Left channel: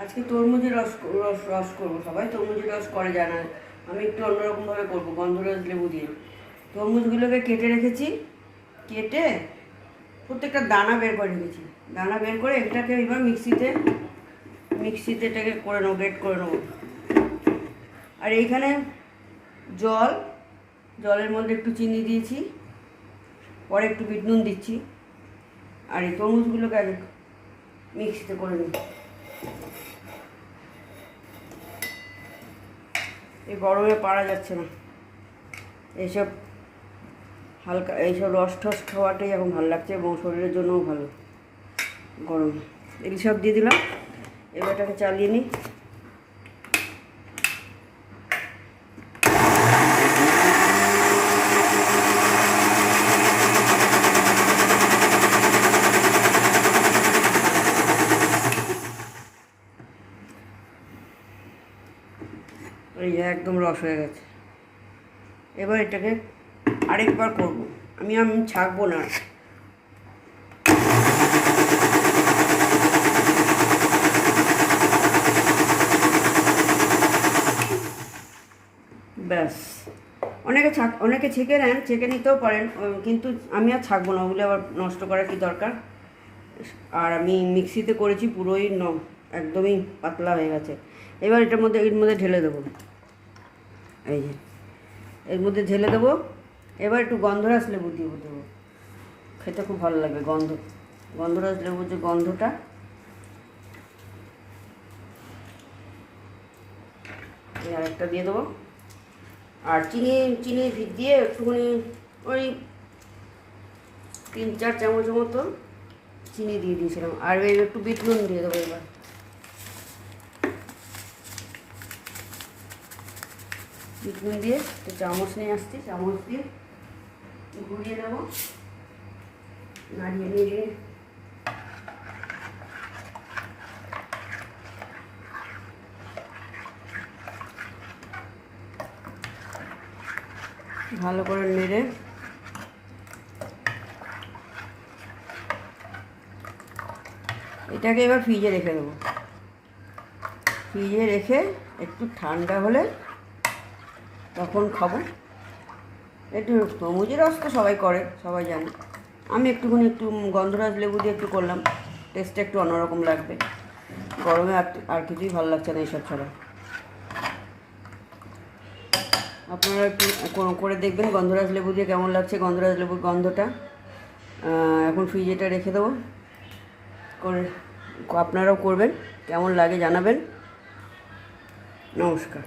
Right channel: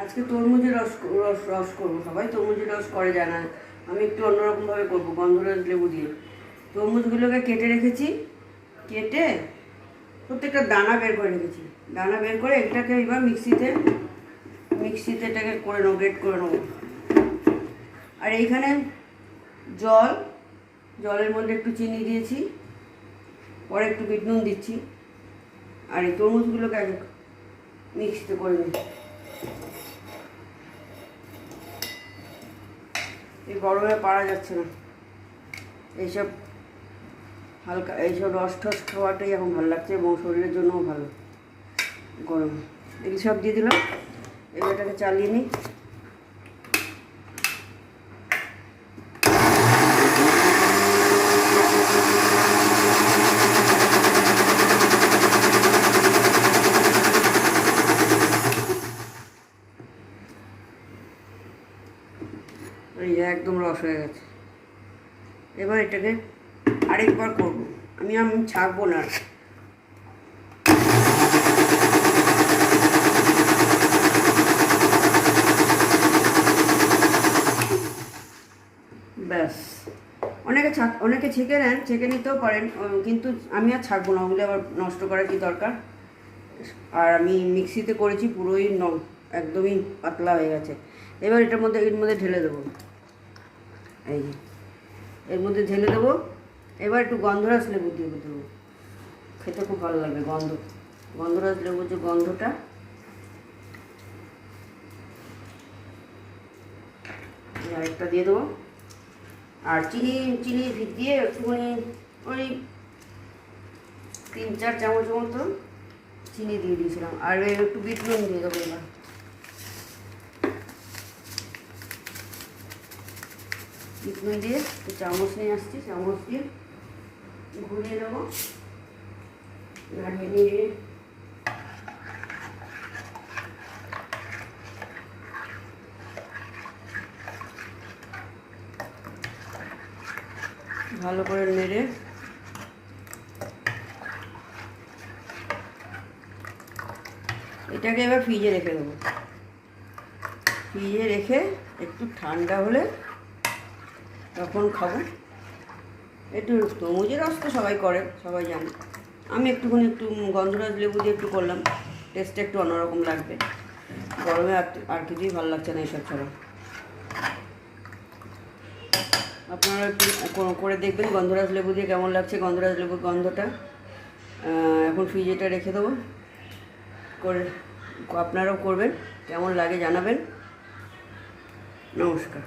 আজকে তরমুজের রস রস রস করবো। সবাই তরমুজের রস করে যায় না, আমি একটু অন্যরকমভাবে করবো গন্ধরাজ লেবু দিয়ে। তরমুজগুলোকে কেটে রেখেছি, কেটে প্রত্যেকটা দানা বের করে রেখেছি। দানা বের করে এটাকে এবার মিক্সিতে এটাকে করে নেবো, গ্রেট করে নেবো। আর এইখানে জলের মধ্যে একটু চিনি দিয়েছি, পরে একটু বিট নুন দিচ্ছি। আর এই তরমুজগুলোকে আগে মিক্সিতে করে নিই। এই গরমে পারা যাচ্ছে না, এইসব হালকা এইসব রস টস খাওয়াটাই এখন ভালো লাগছে এবং শরীরের জন্যও ভালো। গরম এগুলি সব দিয়ে দিলাম, এবার এটাকে চালিয়ে নিই। এই একদম রস হয়ে গেছে। এবার এটাকে আরেকবার করবো, আমি ছাড়বো না। ব্যাস, অনেকে ছেঁকে নেন, ছেঁকে নিতেও পারেন, কিন্তু আমি আর ছাড়বো না, ওগুলো আবার নষ্ট করার কি দরকার। আর আমি মিক্সিতে করেছি, পুরোই একদমই পাতলা হয়ে গেছে। এবার এর মধ্যে ঢেলে দেবো, এই যে এর মধ্যে ঢেলে দেবো। এবার একটু গন্ধরাজ লেবু দিয়ে দেবো, খেতে খুব ভালো লাগবে। গন্ধরাজ লেবুর যে গন্ধটা, আরেকটা দিয়ে দেবো। আর চিনি দিয়ে একটুখানি ওই 3-4 চামচ মতো চিনি দিয়ে দিয়েছিলাম। আর একটু বিট নুন দিয়ে দেবো। এবার বিট নুন দিয়ে একটু চামচ নিয়ে আসছি, চামচ দিয়ে ঘুরিয়ে দেবো, নাড়িয়ে নিয়ে ভালো করে নেড়ে এটাকে এবার ফ্রিজে রেখে দেবো। ফ্রিজে রেখে একটু ঠান্ডা হলে তখন খাবো। একটু তরমুজের রস তো সবাই করে, সবাই জানে। আমি একটু গন্ধরাজ লেবু দিয়ে একটু করলাম, টেস্টটা একটু অন্যরকম লাগবে। গরমে আর কিছুই ভালো লাগছে না এইসব ছাড়া। আপনারা একটু করে দেখবেন গন্ধরাজ লেবু দিয়ে কেমন লাগছে, গন্ধরাজ লেবুর গন্ধটা। এখন ফ্রিজেটা রেখে দেবো, করে আপনারাও করবেন, কেমন লাগে জানাবেন। নমস্কার।